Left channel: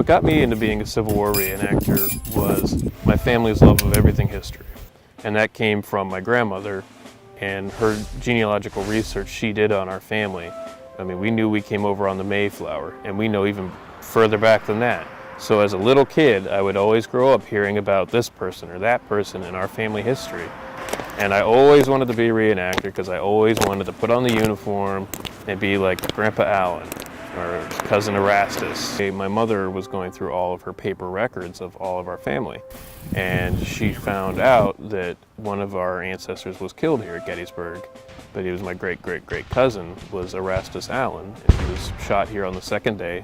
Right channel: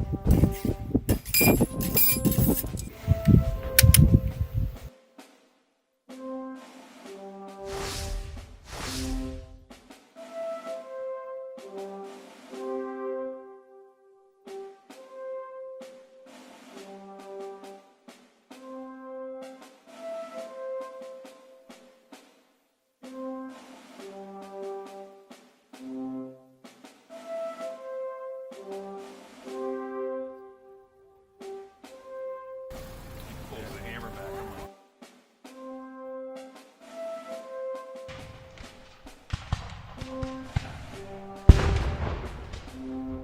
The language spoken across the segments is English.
What got me into being a Civil War reenactor was my family's love of everything history. And that came from my grandmother and her genealogical research she did on our family. I mean, we knew we came over on the Mayflower, and we know even further back than that. So as a little kid, I would always grow up hearing about this person or that person in our family history. And I always wanted to be a reenactor because I always wanted to put on the uniform and be like Grandpa Allen or Cousin Erastus. My mother was going through all of her paper records of all of our family, and she found out that one of our ancestors was killed here at Gettysburg, but he was my great-great-great cousin, was Erastus Allen, and he was shot here on the second day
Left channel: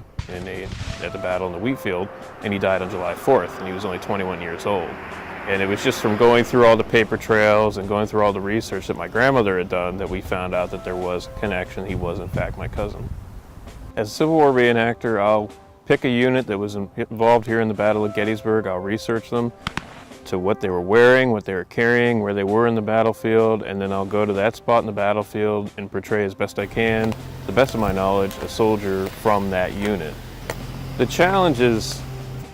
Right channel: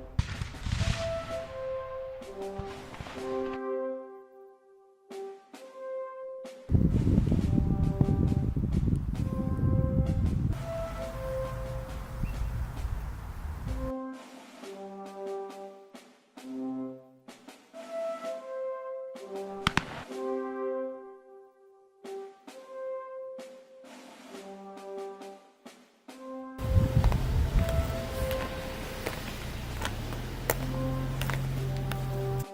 at the battle in the wheat field, and he died on July 4th, and he was only 21 years old. And it was just from going through all the paper trails and going through all the research that my grandmother had done that we found out that there was a connection. He was, in fact, my cousin. As a Civil War reenactor, I'll pick a unit that was involved here in the Battle of Gettysburg. I'll research them to what they were wearing, what they were carrying, where they were in the battlefield, and then I'll go to that spot in the battlefield and portray as best I can, to the best of my knowledge, a soldier from that unit. The challenge is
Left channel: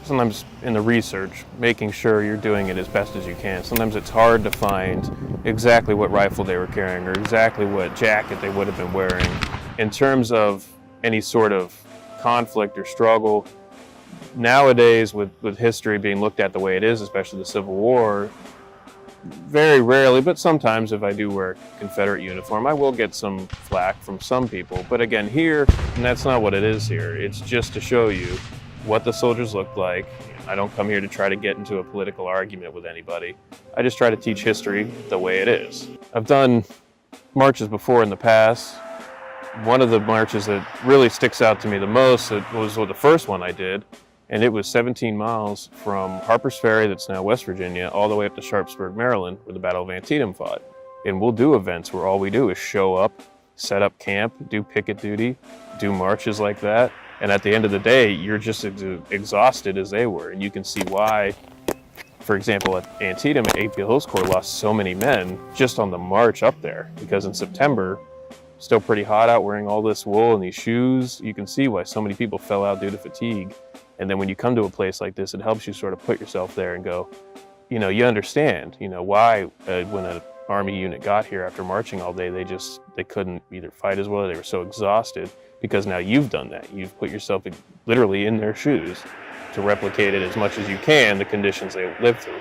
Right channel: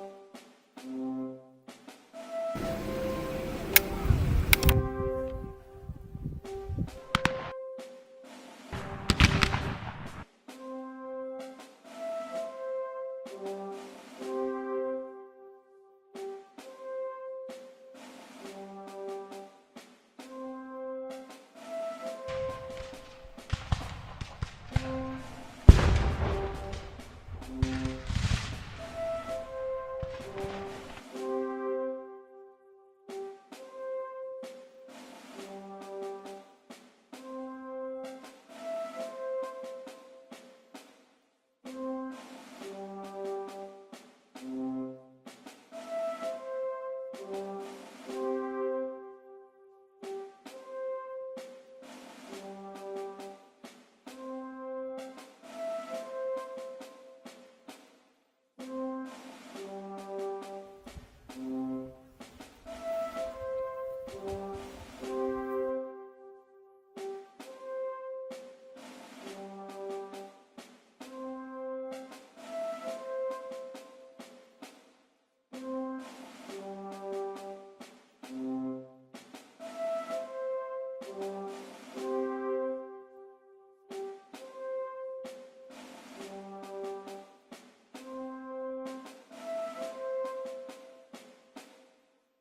sometimes in the research, making sure you're doing it as best as you can. Sometimes it's hard to find exactly what rifle they were carrying or exactly what jacket they would have been wearing. In terms of any sort of conflict or struggle, nowadays with history being looked at the way it is, especially the Civil War, very rarely, but sometimes if I do wear a Confederate uniform, I will get some flack from some people. But again, here, and that's not what it is here, it's just to show you what the soldiers looked like. I don't come here to try to get into a political argument with anybody. I just try to teach history the way it is. I've done marches before in the past. One of the marches that really sticks out to me the most was the first one I did, and it was 17 miles from Harper's Ferry, that's now West Virginia, all the way up to Sharpsburg, Maryland, where the Battle of Antietam fought. And we'll do events where all we do is show up, set up camp, do picket duty, do marches like that, and at the end of the day, you're just as exhausted as they were, and you can see why. For example, at Antietam, AP Hills Corps lost so many men just on the march up there, because in September, still pretty hot out, wearing all this wool and these shoes, you can see why so many people fell out due to fatigue. And then when you come to a place like this, it helps you sort of put yourself there and go, you know, you understand, you know, why when an Army unit got here after marching all day, they couldn't either fight as well, or they were so exhausted, because now you've done that. You've put yourself literally in their shoes to replicate it as much as you can, the conditions they lived through.